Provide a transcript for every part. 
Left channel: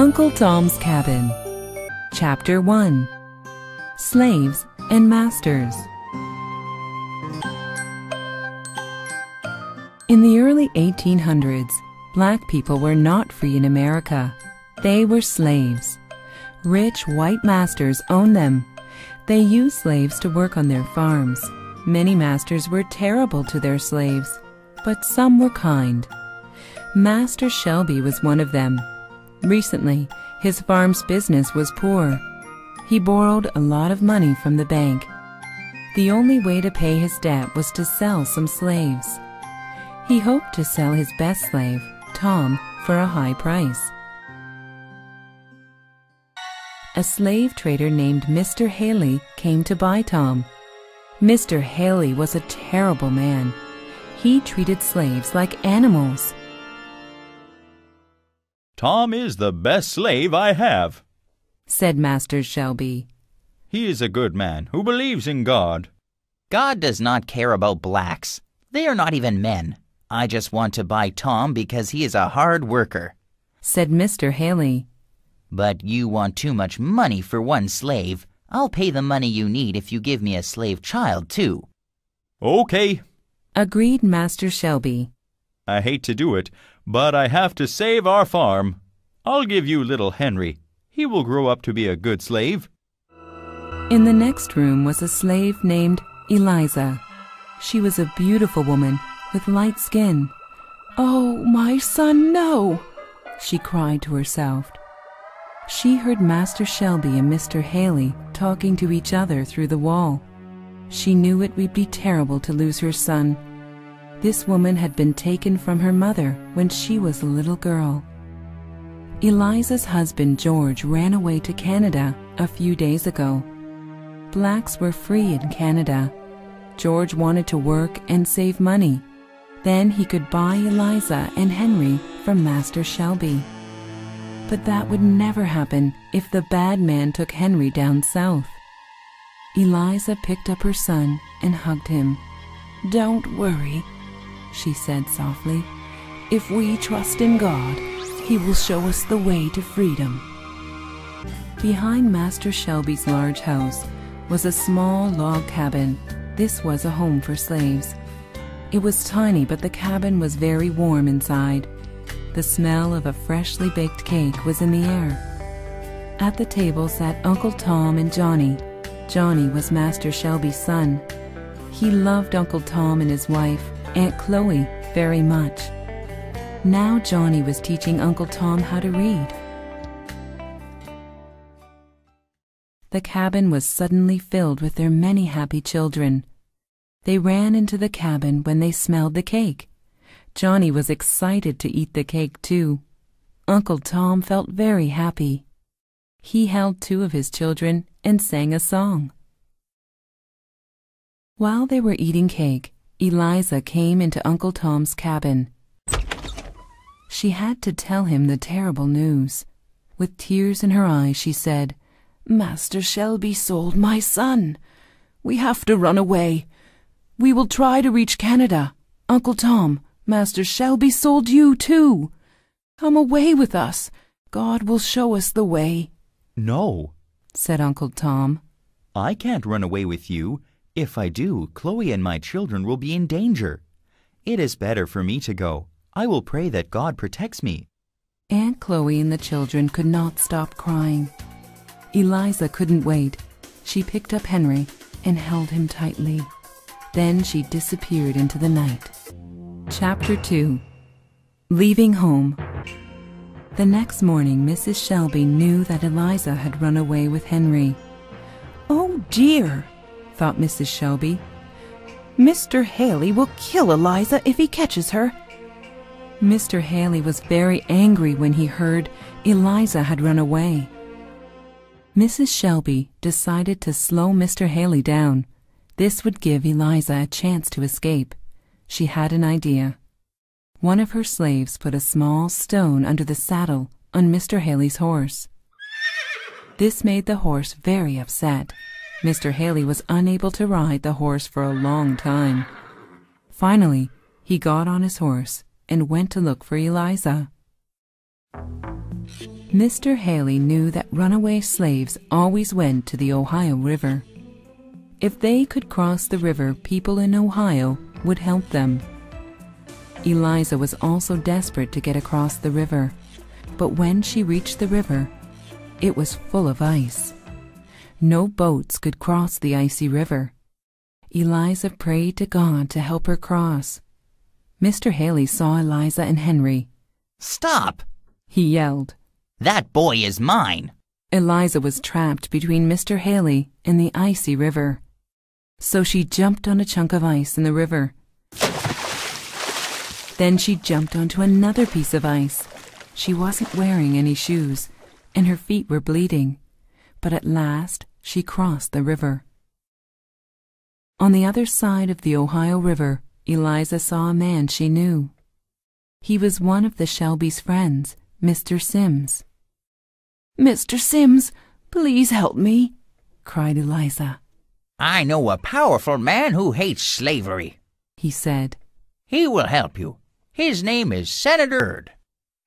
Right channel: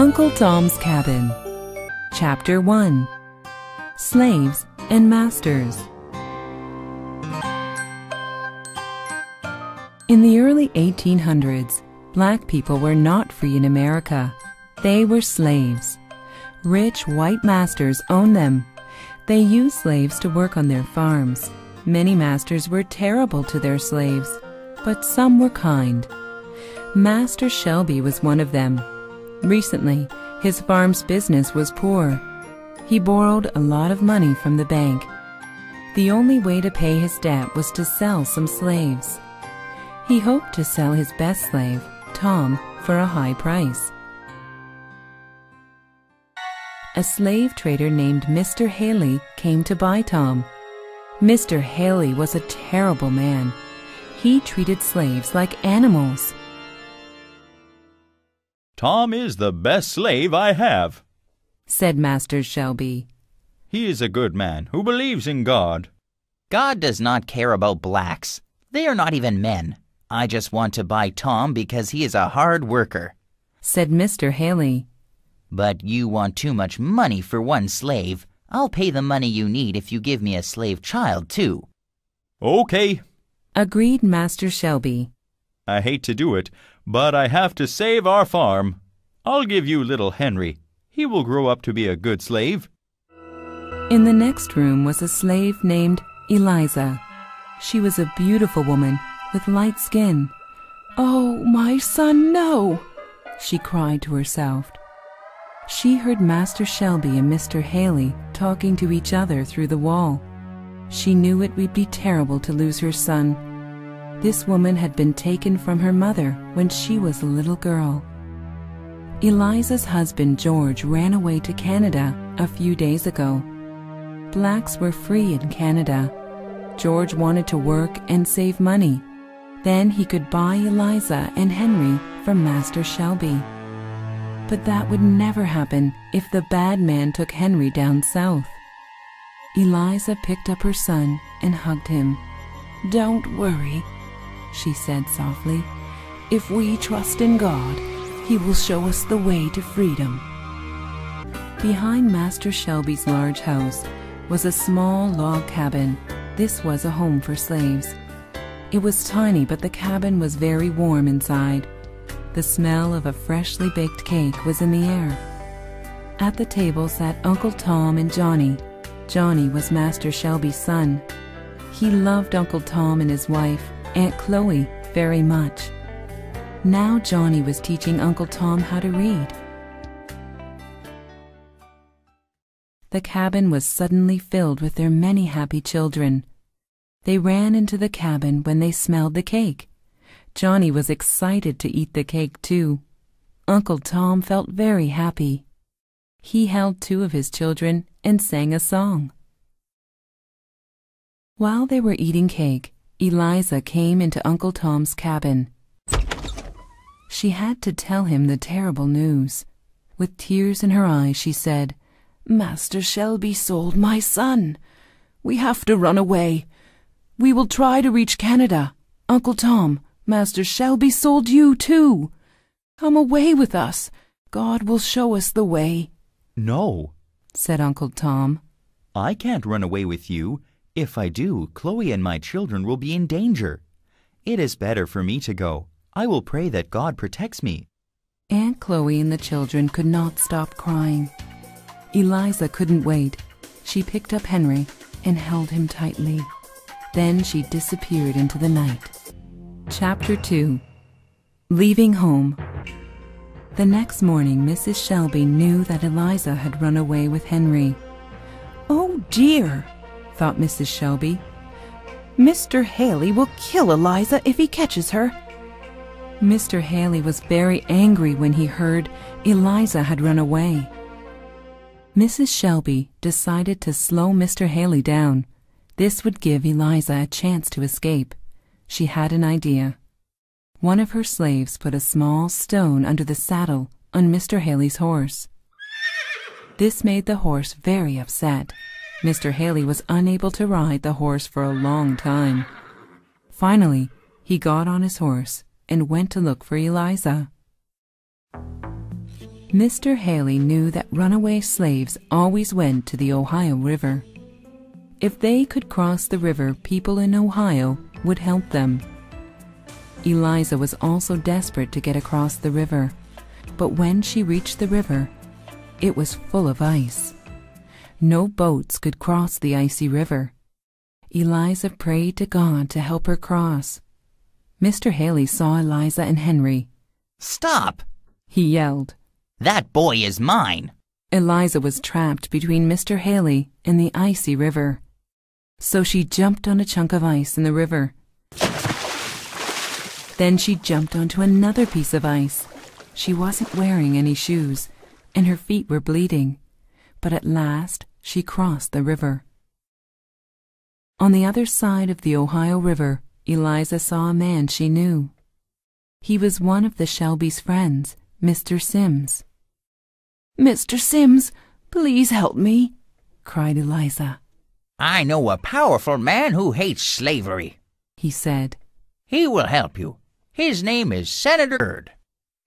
Uncle Tom's Cabin. Chapter 1. Slaves and Masters. In the early 1800s, black people were not free in America. They were slaves. Rich white masters owned them. They used slaves to work on their farms. Many masters were terrible to their slaves, but some were kind. Master Shelby was one of them. Recently, his farm's business was poor. He borrowed a lot of money from the bank. The only way to pay his debt was to sell some slaves. He hoped to sell his best slave, Tom, for a high price. A slave trader named Mr. Haley came to buy Tom. Mr. Haley was a terrible man. He treated slaves like animals. "Tom is the best slave I have," said Master Shelby. "He is a good man who believes in God." "God does not care about blacks. They are not even men. I just want to buy Tom because he is a hard worker," said Mr. Haley. "But you want too much money for one slave. I'll pay the money you need if you give me a slave child, too." "Okay," agreed Master Shelby. "I hate to do it, but I have to save our farm. I'll give you little Henry. He will grow up to be a good slave." In the next room was a slave named Eliza. She was a beautiful woman with light skin. "Oh, my son, no!" she cried to herself. She heard Master Shelby and Mr. Haley talking to each other through the wall. She knew it would be terrible to lose her son. This woman had been taken from her mother when she was a little girl. Eliza's husband George ran away to Canada a few days ago. Blacks were free in Canada. George wanted to work and save money. Then he could buy Eliza and Henry from Master Shelby. But that would never happen if the bad man took Henry down south. Eliza picked up her son and hugged him. "Don't worry," she said softly. "If we trust in God, He will show us the way to freedom." Behind Master Shelby's large house was a small log cabin. This was a home for slaves. It was tiny, but the cabin was very warm inside. The smell of a freshly baked cake was in the air. At the table sat Uncle Tom and Johnny. Johnny was Master Shelby's son. He loved Uncle Tom and his wife, Aunt Chloe, very much. Now Johnny was teaching Uncle Tom how to read. The cabin was suddenly filled with their many happy children. They ran into the cabin when they smelled the cake. Johnny was excited to eat the cake too. Uncle Tom felt very happy. He held two of his children and sang a song. While they were eating cake, Eliza came into Uncle Tom's cabin. She had to tell him the terrible news. With tears in her eyes, she said, "Master Shelby sold my son. We have to run away. We will try to reach Canada. Uncle Tom, Master Shelby sold you too. Come away with us. God will show us the way." "No," said Uncle Tom. "I can't run away with you. If I do, Chloe and my children will be in danger. It is better for me to go. I will pray that God protects me." Aunt Chloe and the children could not stop crying. Eliza couldn't wait. She picked up Henry and held him tightly. Then she disappeared into the night. Chapter 2. Leaving Home. The next morning, Mrs. Shelby knew that Eliza had run away with Henry. "Oh dear," thought Mrs. Shelby. "Mr. Haley will kill Eliza if he catches her." Mr. Haley was very angry when he heard Eliza had run away. Mrs. Shelby decided to slow Mr. Haley down. This would give Eliza a chance to escape. She had an idea. One of her slaves put a small stone under the saddle on Mr. Haley's horse. This made the horse very upset. Mr. Haley was unable to ride the horse for a long time. Finally, he got on his horse and went to look for Eliza. Mr. Haley knew that runaway slaves always went to the Ohio River. If they could cross the river, people in Ohio would help them. Eliza was also desperate to get across the river, but when she reached the river, it was full of ice. No boats could cross the icy river. Eliza prayed to God to help her cross. Mr. Haley saw Eliza and Henry. "Stop!" he yelled. "That boy is mine." Eliza was trapped between Mr. Haley and the icy river. So she jumped on a chunk of ice in the river. Then she jumped onto another piece of ice. She wasn't wearing any shoes, and her feet were bleeding. But at last she crossed the river. On the other side of the Ohio River, Eliza saw a man she knew. He was one of the Shelbys' friends, Mr. Sims. "Mr. Sims, please help me," cried Eliza. "I know a powerful man who hates slavery," he said. "He will help you. His name is Senator Byrd."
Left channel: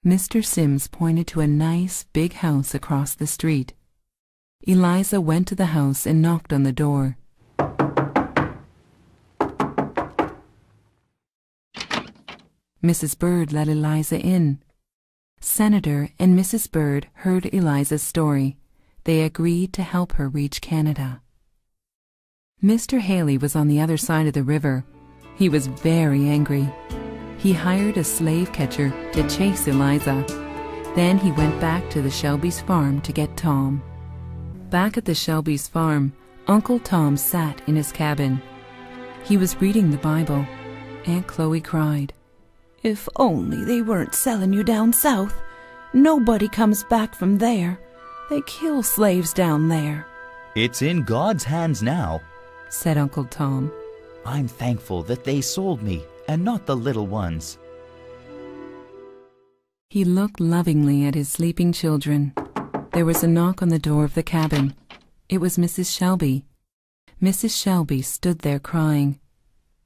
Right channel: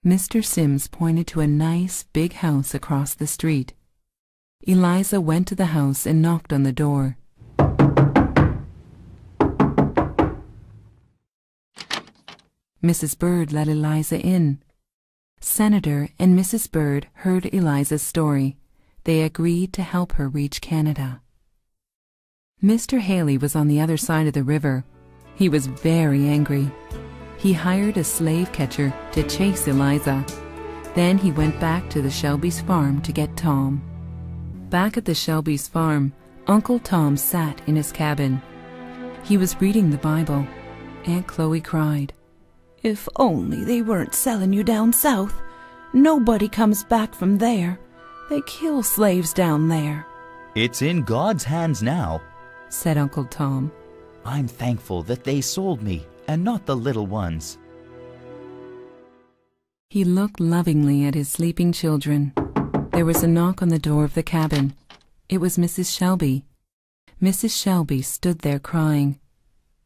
Mr. Sims pointed to a nice big house across the street. Eliza went to the house and knocked on the door. Mrs. Byrd let Eliza in. Senator and Mrs. Byrd heard Eliza's story. They agreed to help her reach Canada. Mr. Haley was on the other side of the river. He was very angry. He hired a slave catcher to chase Eliza. Then he went back to the Shelbys' farm to get Tom. Back at the Shelbys' farm, Uncle Tom sat in his cabin. He was reading the Bible. Aunt Chloe cried, "If only they weren't selling you down south. Nobody comes back from there. They kill slaves down there." "It's in God's hands now," said Uncle Tom. "I'm thankful that they sold me and not the little ones." He looked lovingly at his sleeping children. There was a knock on the door of the cabin. It was Mrs. Shelby. Mrs. Shelby stood there crying.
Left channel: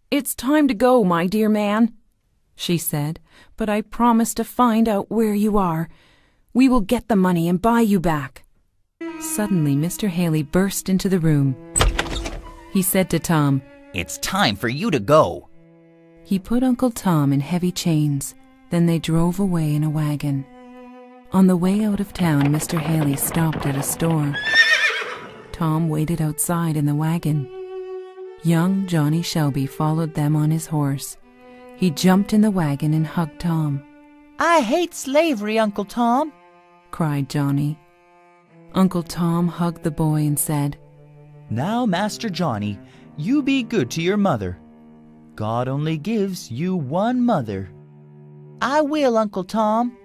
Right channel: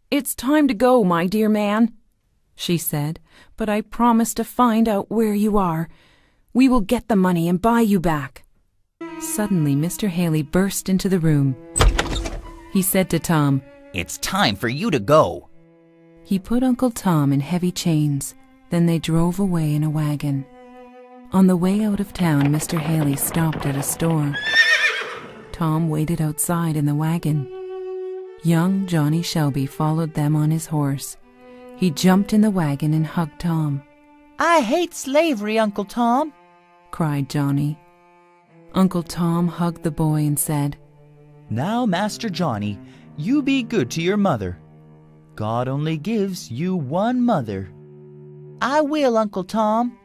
"It's time to go, my dear man," she said, "but I promise to find out where you are. We will get the money and buy you back." Suddenly, Mr. Haley burst into the room. He said to Tom, "It's time for you to go." He put Uncle Tom in heavy chains. Then they drove away in a wagon. On the way out of town, Mr. Haley stopped at a store. Tom waited outside in the wagon. Young Johnny Shelby followed them on his horse. He jumped in the wagon and hugged Tom. "I hate slavery, Uncle Tom," cried Johnny. Uncle Tom hugged the boy and said, "Now, Master Johnny, you be good to your mother. God only gives you one mother." "I will, Uncle Tom,"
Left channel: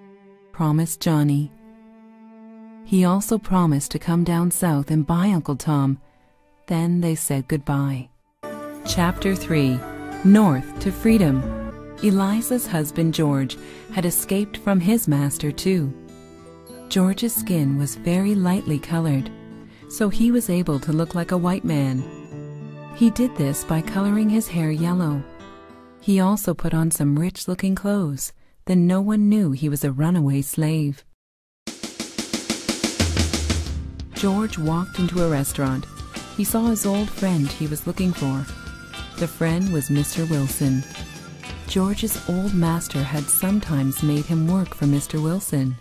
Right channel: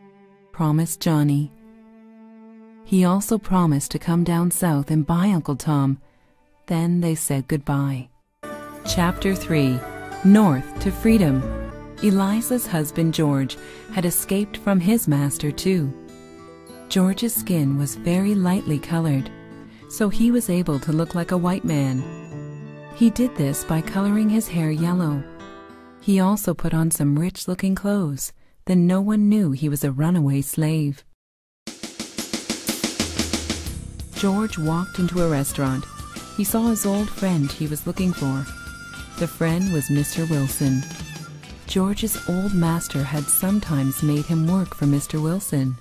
promised Johnny. He also promised to come down south and buy Uncle Tom. Then they said goodbye. Chapter 3. North to Freedom. Eliza's husband George had escaped from his master too. George's skin was very lightly colored, so he was able to look like a white man. He did this by coloring his hair yellow. He also put on some rich-looking clothes. Then no one knew he was a runaway slave. George walked into a restaurant. He saw his old friend he was looking for. The friend was Mr. Wilson. George's old master had sometimes made him work for Mr. Wilson.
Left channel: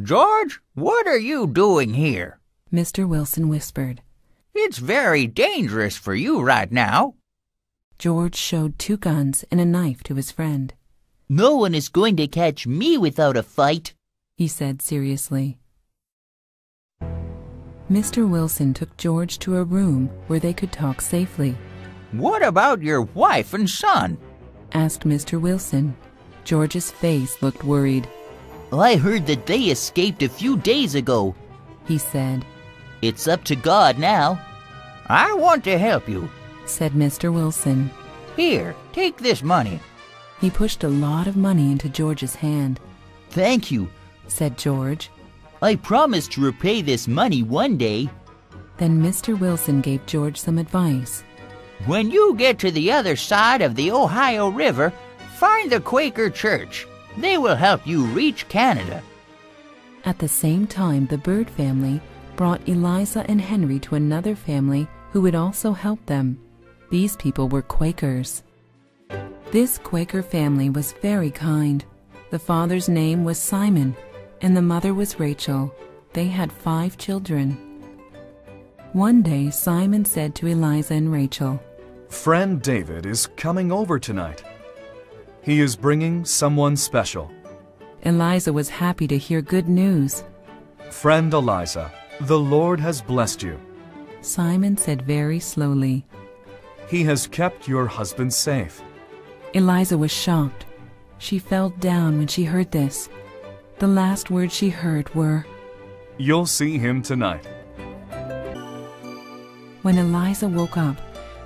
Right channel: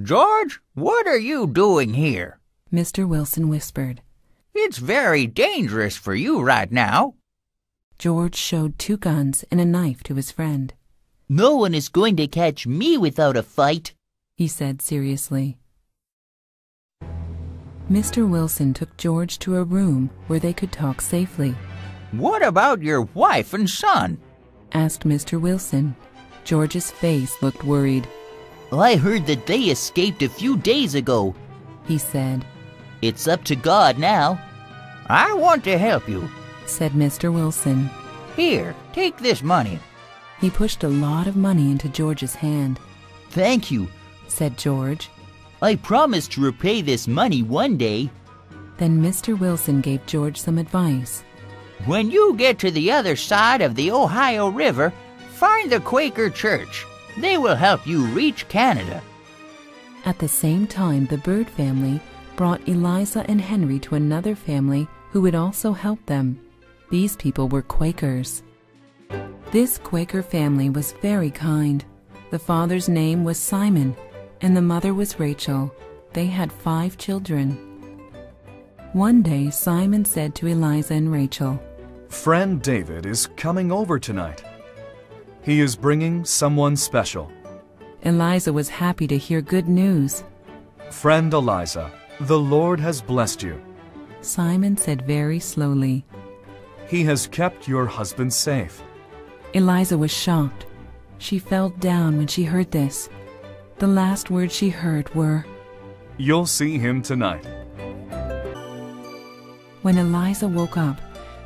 "George, what are you doing here?" Mr. Wilson whispered. "It's very dangerous for you right now." George showed 2 guns and a knife to his friend. "No one is going to catch me without a fight," he said seriously. Mr. Wilson took George to a room where they could talk safely. "What about your wife and son?" asked Mr. Wilson. George's face looked worried. "I heard that they escaped a few days ago," he said. "It's up to God now." "I want to help you," said Mr. Wilson. "Here, take this money." He pushed a lot of money into George's hand. "Thank you," said George. "I promise to repay this money one day." Then Mr. Wilson gave George some advice. "When you get to the other side of the Ohio River, find the Quaker Church. They will help you reach Canada." At the same time, the Bird family brought Eliza and Henry to another family who would also help them. These people were Quakers. This Quaker family was very kind. The father's name was Simon, and the mother was Rachel. They had 5 children. One day, Simon said to Eliza and Rachel, "Friend David is coming over tonight. He is bringing someone special." Eliza was happy to hear good news. "Friend Eliza, the Lord has blessed you. Simon said very slowly. He has kept your husband safe." Eliza was shocked. She fell down when she heard this. The last words she heard were, "You'll see him tonight." When Eliza woke up,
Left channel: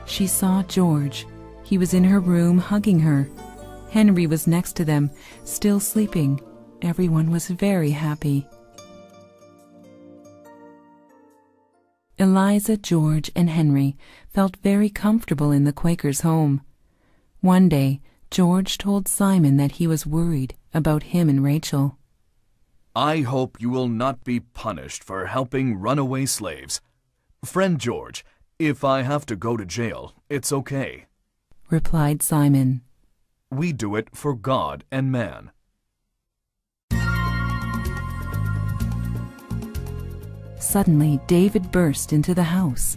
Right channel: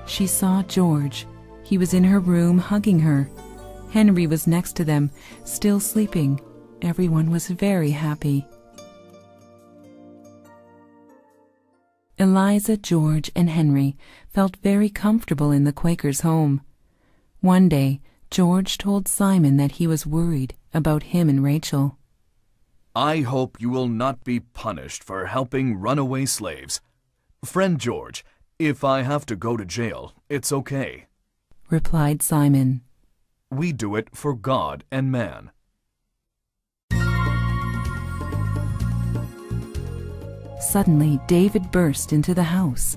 she saw George. He was in her room hugging her. Henry was next to them, still sleeping. Everyone was very happy. Eliza, George, and Henry felt very comfortable in the Quaker's home. One day, George told Simon that he was worried about him and Rachel. "I hope you will not be punished for helping runaway slaves. Friend George, if I have to go to jail, it's okay," replied Simon. "We do it for God and man." Suddenly, David burst into the house.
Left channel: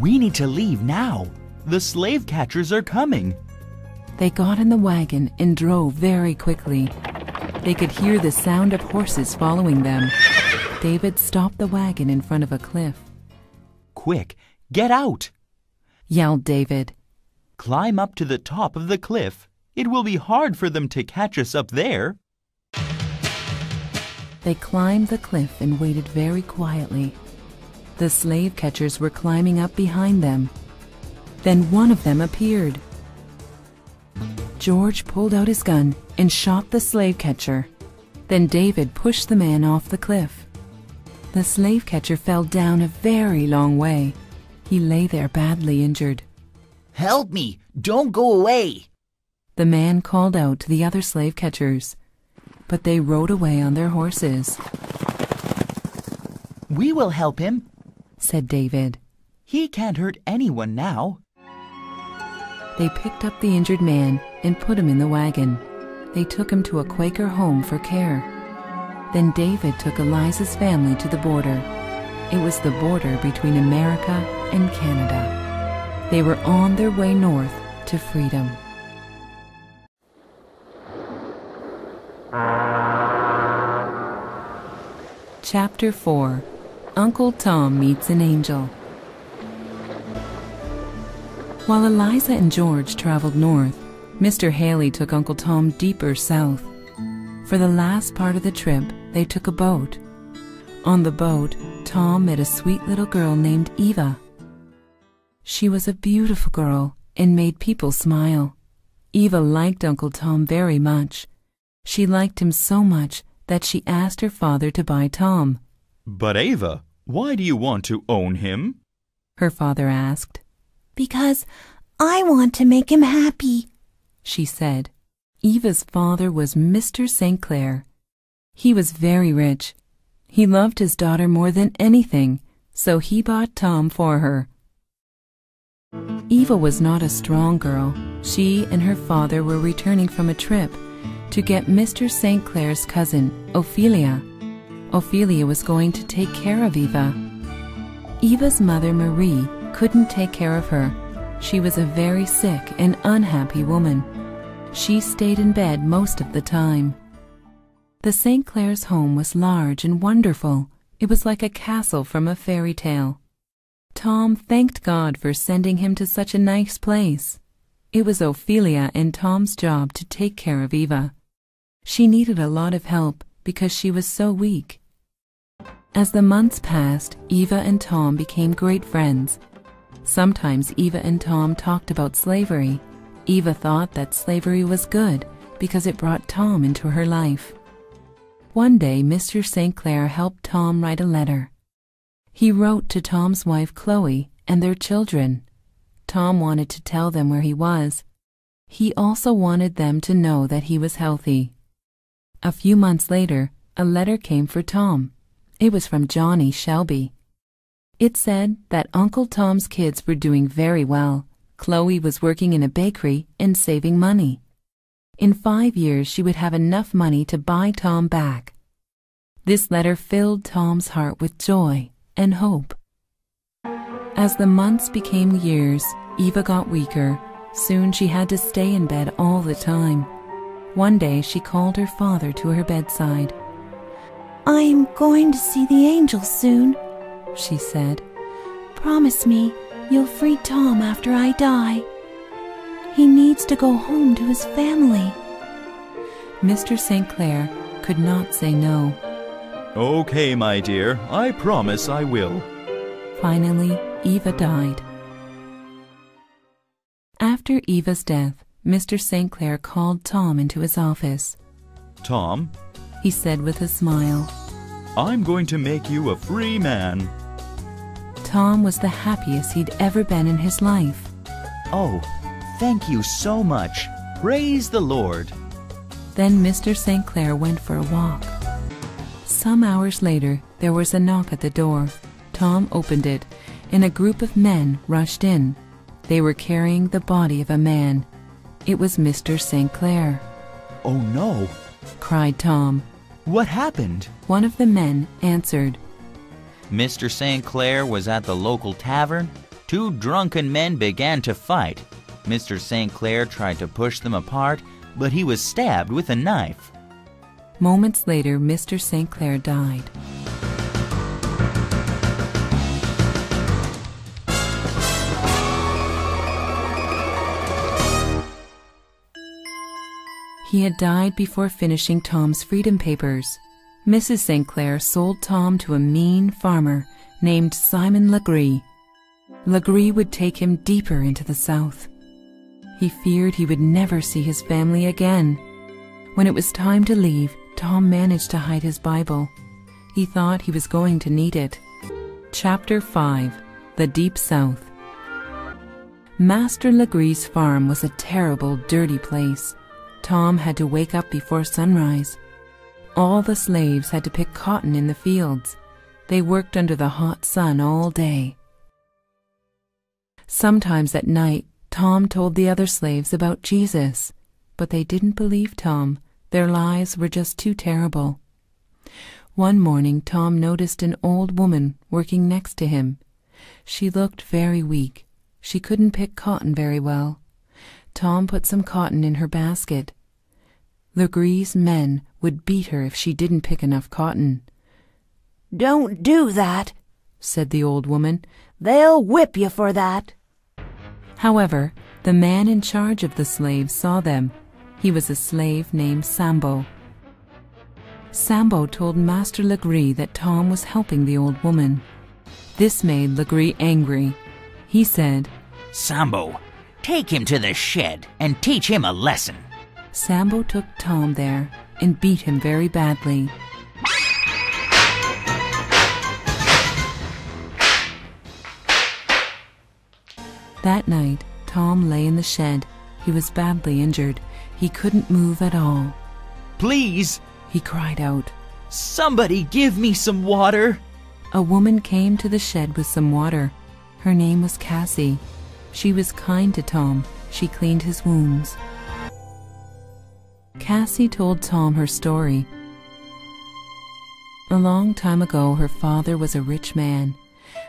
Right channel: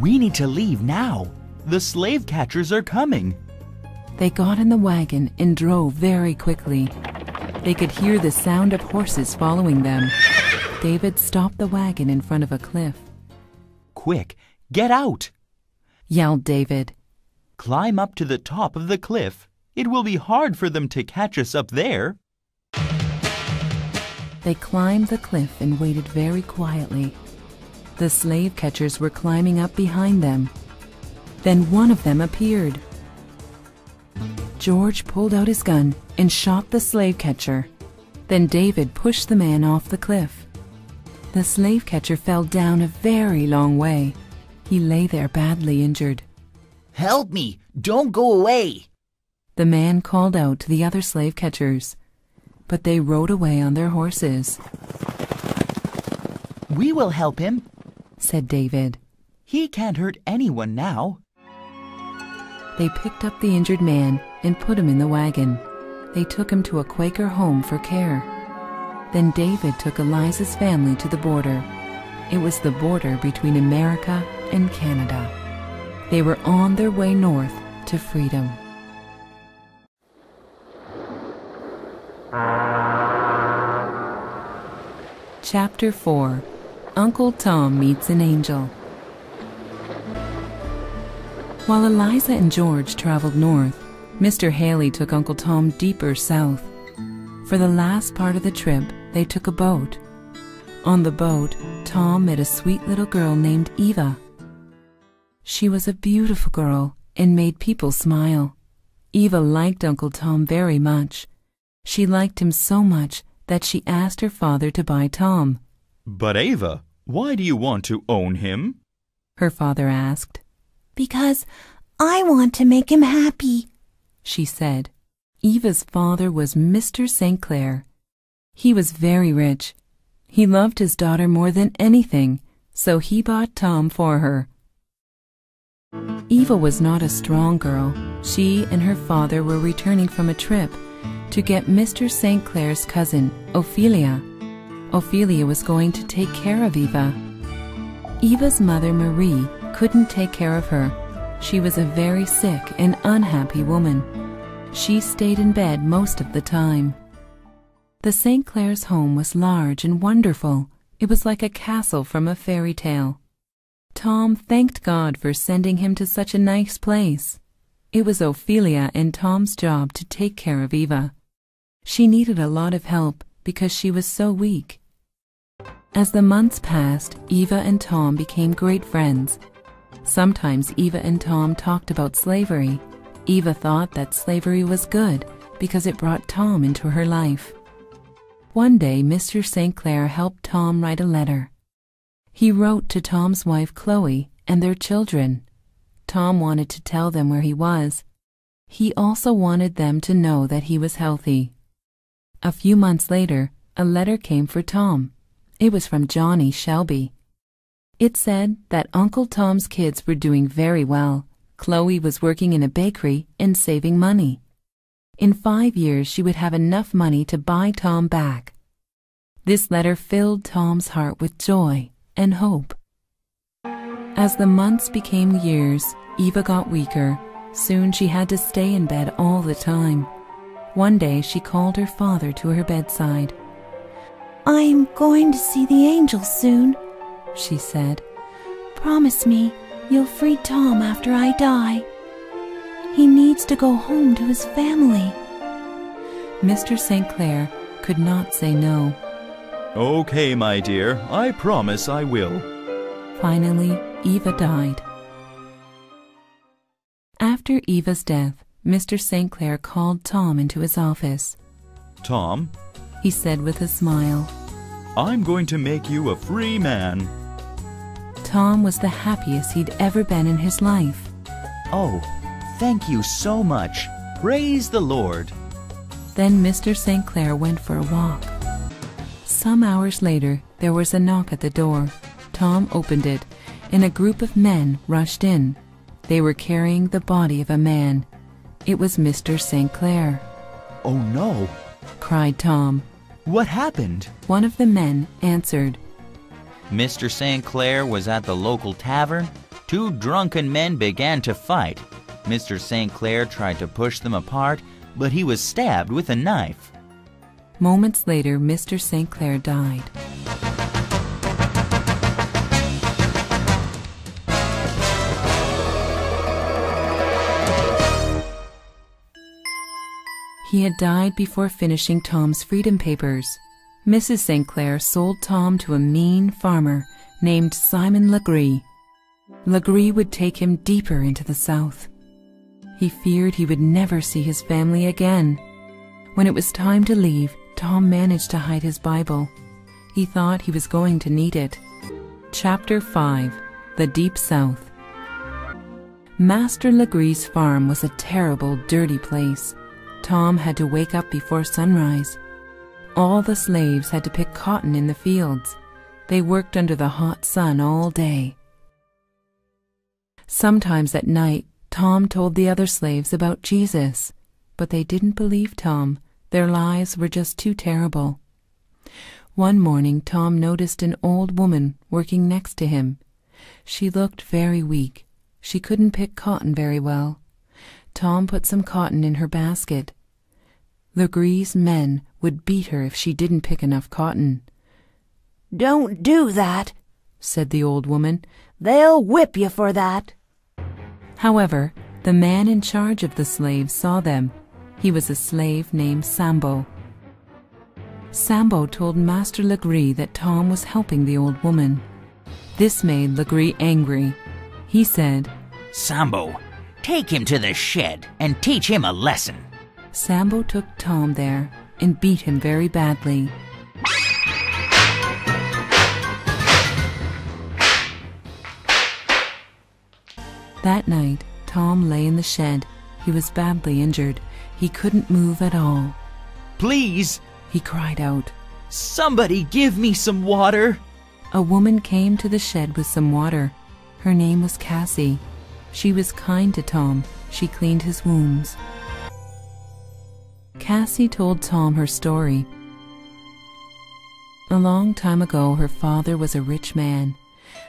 We need to leave now. The slave catchers are coming. They got in the wagon and drove very quickly. They could hear the sound of horses following them. David stopped the wagon in front of a cliff. Quick, get out! Yelled David. Climb up to the top of the cliff. It will be hard for them to catch us up there. They climbed the cliff and waited very quietly. The slave catchers were climbing up behind them. Then one of them appeared. George pulled out his gun and shot the slave catcher. Then David pushed the man off the cliff. The slave catcher fell down a very long way. He lay there badly injured. Help me! Don't go away! The man called out to the other slave catchers, but they rode away on their horses. We will help him, said David. He can't hurt anyone now. They picked up the injured man and put him in the wagon. They took him to a Quaker home for care. Then David took Eliza's family to the border. It was the border between America and Canada. They were on their way north to freedom. Chapter 4. Uncle Tom Meets an Angel. While Eliza and George traveled north, Mr. Haley took Uncle Tom deeper south. For the last part of the trip, they took a boat. On the boat, Tom met a sweet little girl named Eva. She was a beautiful girl and made people smile. Eva liked Uncle Tom very much. She liked him so much that she asked her father to buy Tom. But Eva, why do you want to own him? Her father asked. Because I want to make him happy, she said. Eva's father was Mr. St. Clair. He was very rich. He loved his daughter more than anything, so he bought Tom for her. Eva was not a strong girl. She and her father were returning from a trip to get Mr. St. Clair's cousin, Ophelia. Ophelia was going to take care of Eva. Eva's mother, Marie, couldn't take care of her. She was a very sick and unhappy woman. She stayed in bed most of the time. The St. Clair's home was large and wonderful. It was like a castle from a fairy tale. Tom thanked God for sending him to such a nice place. It was Ophelia and Tom's job to take care of Eva. She needed a lot of help because she was so weak. As the months passed, Eva and Tom became great friends. Sometimes Eva and Tom talked about slavery. Eva thought that slavery was good because it brought Tom into her life. One day, Mr. St. Clair helped Tom write a letter. He wrote to Tom's wife, Chloe, and their children. Tom wanted to tell them where he was. He also wanted them to know that he was healthy. A few months later, a letter came for Tom. It was from Johnny Shelby. It said that Uncle Tom's kids were doing very well. Chloe was working in a bakery and saving money. In 5 years she would have enough money to buy Tom back. This letter filled Tom's heart with joy and hope. As the months became years, Eva got weaker. Soon she had to stay in bed all the time. One day she called her father to her bedside. "I am going to see the angels soon," she said. "Promise me you'll free Tom after I die. He needs to go home to his family." Mr. St. Clair could not say no. Okay, my dear, I promise I will. Finally, Eva died. After Eva's death, Mr. St. Clair called Tom into his office. Tom, He said with a smile. I'm going to make you a free man. Tom was the happiest he'd ever been in his life. Oh, thank you so much. Praise the Lord. Then Mr. St. Clair went for a walk. Some hours later, there was a knock at the door. Tom opened it, and a group of men rushed in. They were carrying the body of a man. It was Mr. St. Clair. Oh no, Cried Tom. what happened? One of the men answered. Mr. St. Clair was at the local tavern. 2 drunken men began to fight. Mr. St. Clair tried to push them apart, but he was stabbed with a knife. Moments later, Mr. St. Clair died. He had died before finishing Tom's freedom papers. Mrs. St. Clair sold Tom to a mean farmer named Simon Legree. Legree would take him deeper into the South. He feared he would never see his family again. When it was time to leave, Tom managed to hide his Bible. He thought he was going to need it. Chapter 5. The Deep South. Master Legree's farm was a terrible, dirty place. Tom had to wake up before sunrise. All the slaves had to pick cotton in the fields. They worked under the hot sun all day. Sometimes at night, Tom told the other slaves about Jesus, but they didn't believe Tom. Their lives were just too terrible. One morning, Tom noticed an old woman working next to him. She looked very weak. She couldn't pick cotton very well. Tom put some cotton in her basket. Legree's men would beat her if she didn't pick enough cotton. "Don't do that," said the old woman. "They'll whip you for that." However, the man in charge of the slaves saw them. He was a slave named Sambo. Sambo told Master Legree that Tom was helping the old woman. This made Legree angry. He said, Sambo, take him to the shed and teach him a lesson. Sambo took Tom there and beat him very badly. That night, Tom lay in the shed. He was badly injured. He couldn't move at all. Please, He cried out. somebody give me some water. A woman came to the shed with some water. Her name was Cassie. She was kind to Tom. She cleaned his wounds. Cassie told Tom her story. A long time ago, her father was a rich man,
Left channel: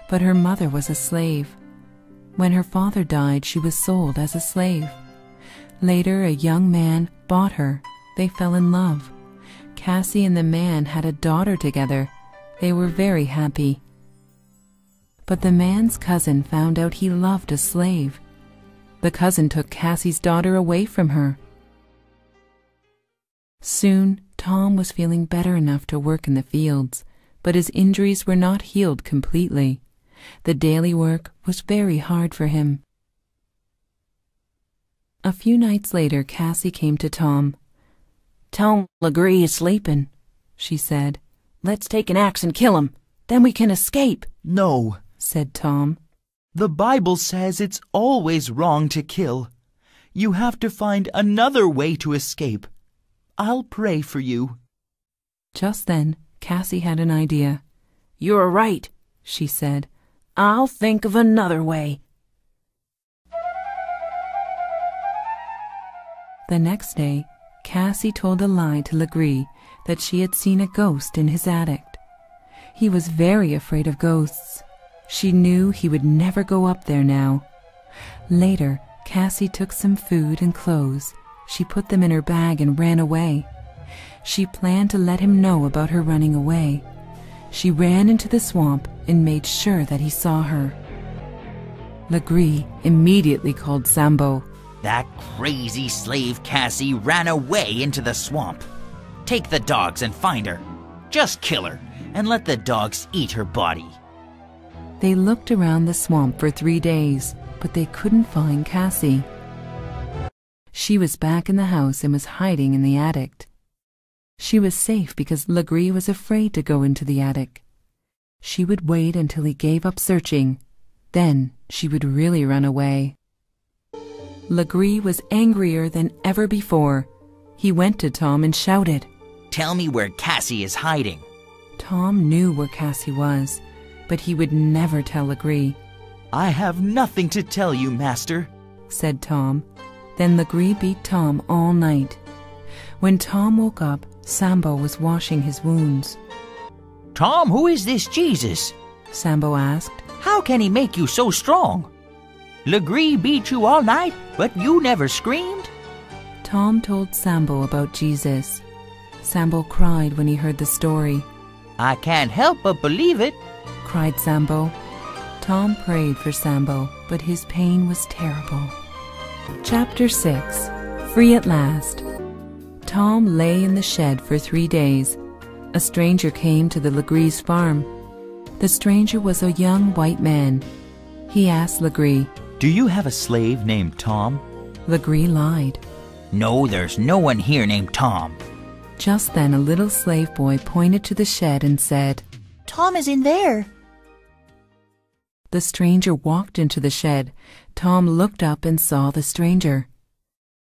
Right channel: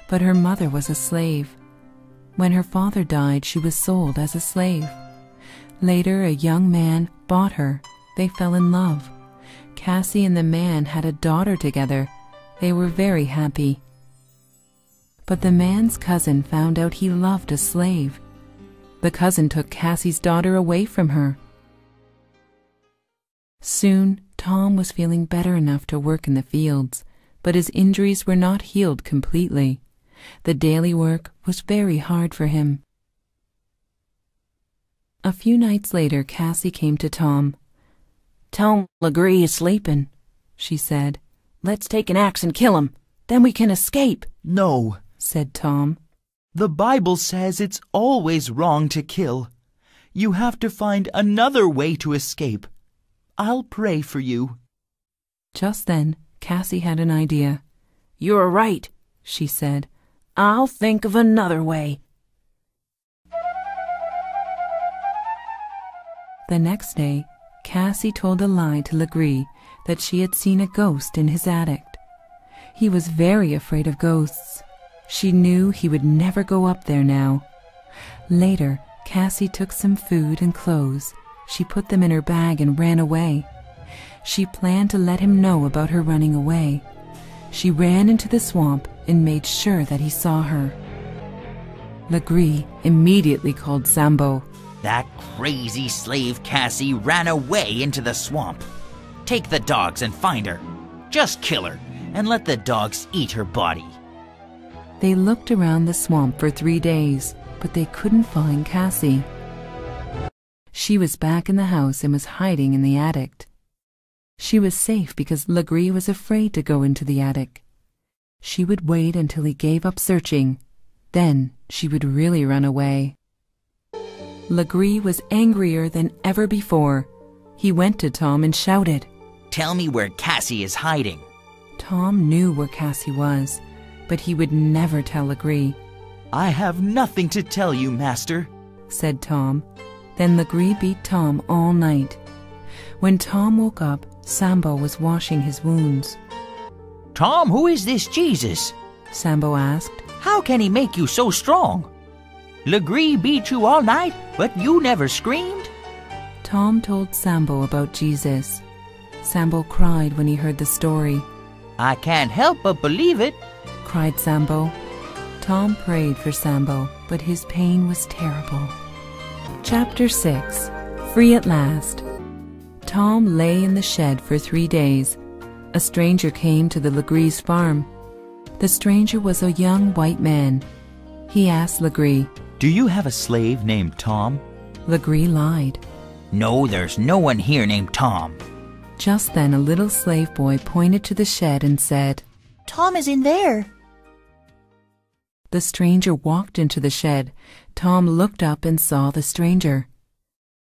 but her mother was a slave. When her father died, she was sold as a slave. Later, a young man bought her. They fell in love. Cassie and the man had a daughter together. They were very happy. But the man's cousin found out he loved a slave. The cousin took Cassie's daughter away from her. Soon, Tom was feeling better enough to work in the fields, but his injuries were not healed completely. The daily work was very hard for him. A few nights later, Cassie came to Tom. "Tom Legree is sleeping," she said. "Let's take an axe and kill him. Then we can escape," No, said Tom. the Bible says it's always wrong to kill. You have to find another way to escape. I'll pray for you. Just then, Cassie had an idea. "You're right," she said. "I'll think of another way." The next day, Cassie told a lie to Legree that she had seen a ghost in his attic. He was very afraid of ghosts. She knew he would never go up there now. Later, Cassie took some food and clothes. She put them in her bag and ran away. She planned to let him know about her running away. She ran into the swamp and made sure that he saw her. Legree immediately called Sambo. "That crazy slave Cassie ran away into the swamp. Take the dogs and find her. Just kill her and let the dogs eat her body." They looked around the swamp for 3 days, but they couldn't find Cassie. She was back in the house and was hiding in the attic. She was safe because Legree was afraid to go into the attic. She would wait until he gave up searching. Then she would really run away. Legree was angrier than ever before. He went to Tom and shouted, "Tell me where Cassie is hiding." Tom knew where Cassie was, but he would never tell Legree. "I have nothing to tell you, master," said Tom. Then Legree beat Tom all night. When Tom woke up, Sambo was washing his wounds. "Tom, who is this Jesus?" Sambo asked. "How can he make you so strong? Legree beat you all night, but you never screamed." Tom told Sambo about Jesus. Sambo cried when he heard the story. "I can't help but believe it," cried Sambo. Tom prayed for Sambo, but his pain was terrible. Chapter 6. Free at last. Tom lay in the shed for 3 days. A stranger came to the Legree's farm. The stranger was a young white man. He asked Legree, "Do you have a slave named Tom?" Legree lied. "No, there's no one here named Tom." Just then a little slave boy pointed to the shed and said, "Tom is in there." The stranger walked into the shed. Tom looked up and saw the stranger.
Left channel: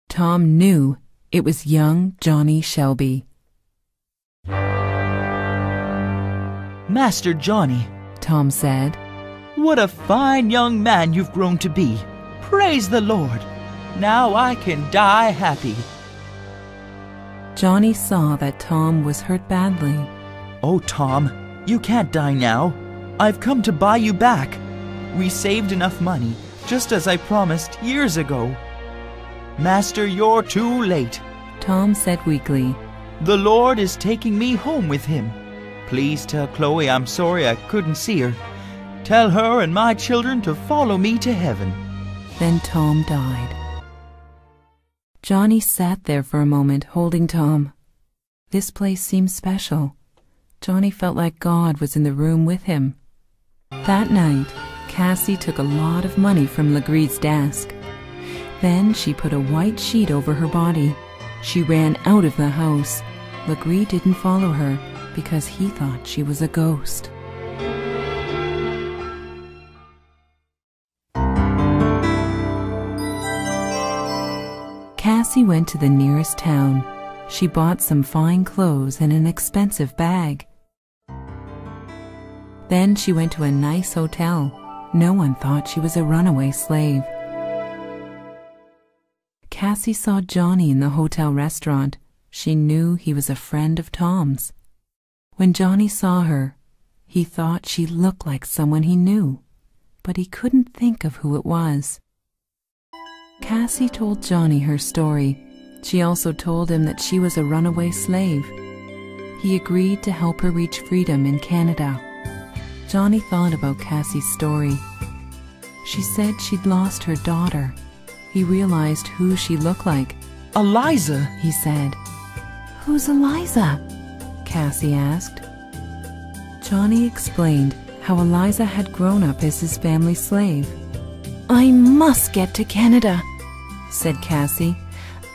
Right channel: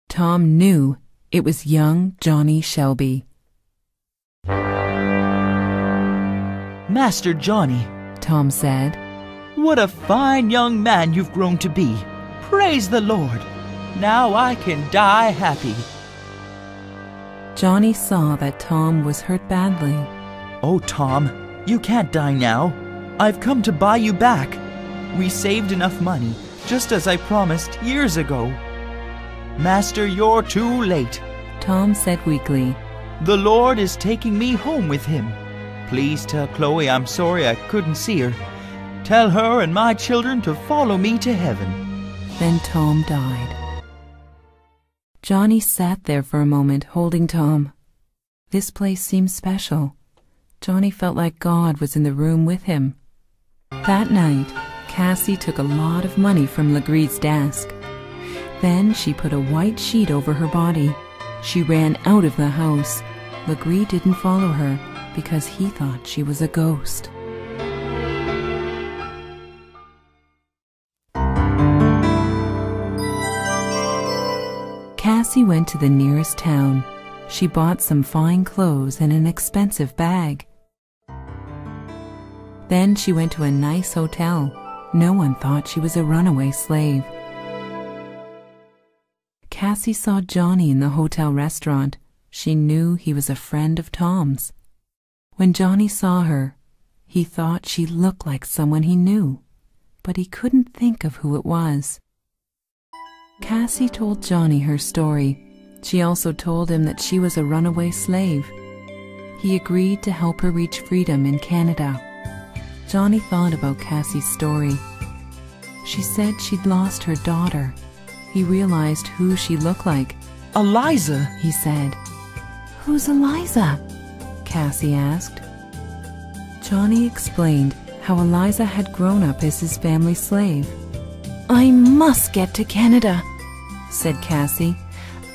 Tom knew it was young Johnny Shelby. "Master Johnny," Tom said, "what a fine young man you've grown to be. Praise the Lord. Now I can die happy." Johnny saw that Tom was hurt badly. "Oh, Tom, you can't die now. I've come to buy you back. We saved enough money, just as I promised years ago." "Master, you're too late," Tom said weakly. "The Lord is taking me home with him. Please tell Chloe I'm sorry I couldn't see her. Tell her and my children to follow me to heaven." Then Tom died. Johnny sat there for a moment, holding Tom. This place seemed special. Johnny felt like God was in the room with him. That night, Cassie took a lot of money from Legree's desk. Then she put a white sheet over her body. She ran out of the house. Legree didn't follow her because he thought she was a ghost. Cassie went to the nearest town. She bought some fine clothes and an expensive bag. Then she went to a nice hotel. No one thought she was a runaway slave. Cassie saw Johnny in the hotel restaurant. She knew he was a friend of Tom's. When Johnny saw her, he thought she looked like someone he knew, but he couldn't think of who it was. Cassie told Johnny her story. She also told him that she was a runaway slave. He agreed to help her reach freedom in Canada. Johnny thought about Cassie's story. She said she'd lost her daughter. He realized who she looked like. "Eliza," he said. "Who's Eliza?" Cassie asked. Johnny explained how Eliza had grown up as his family's slave. "I must get to Canada," said Cassie.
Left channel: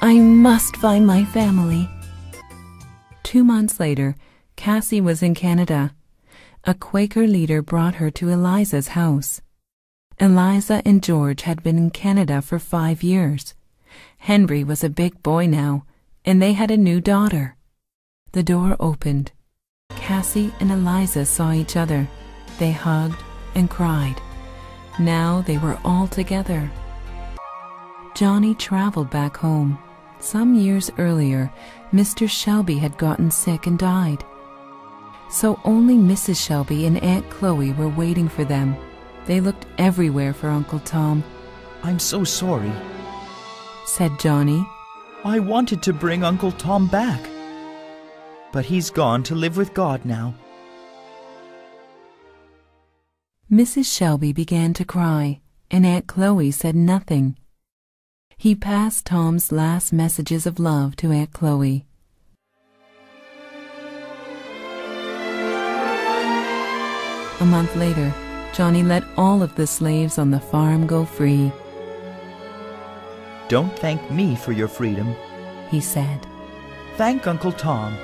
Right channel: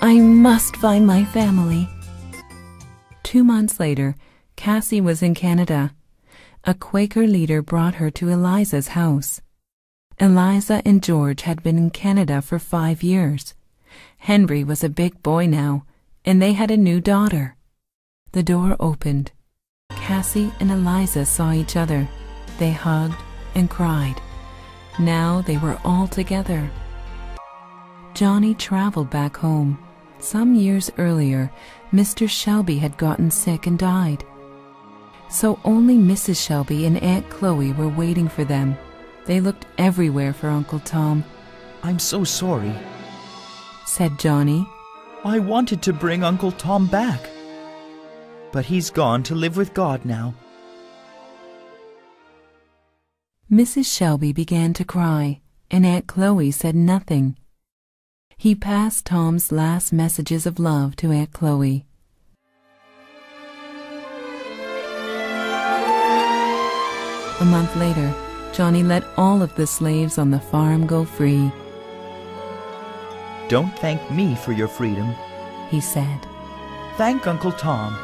"I must find my family." 2 months later, Cassie was in Canada. A Quaker leader brought her to Eliza's house. Eliza and George had been in Canada for 5 years. Henry was a big boy now, and they had a new daughter. The door opened. Cassie and Eliza saw each other. They hugged and cried. Now they were all together. Johnny traveled back home. Some years earlier, Mr. Shelby had gotten sick and died. So only Mrs. Shelby and Aunt Chloe were waiting for them. They looked everywhere for Uncle Tom. "I'm so sorry," said Johnny. "I wanted to bring Uncle Tom back. But he's gone to live with God now." Mrs. Shelby began to cry, and Aunt Chloe said nothing. He passed Tom's last messages of love to Aunt Chloe. A month later, Johnny let all of the slaves on the farm go free. "Don't thank me for your freedom," he said. "Thank Uncle Tom."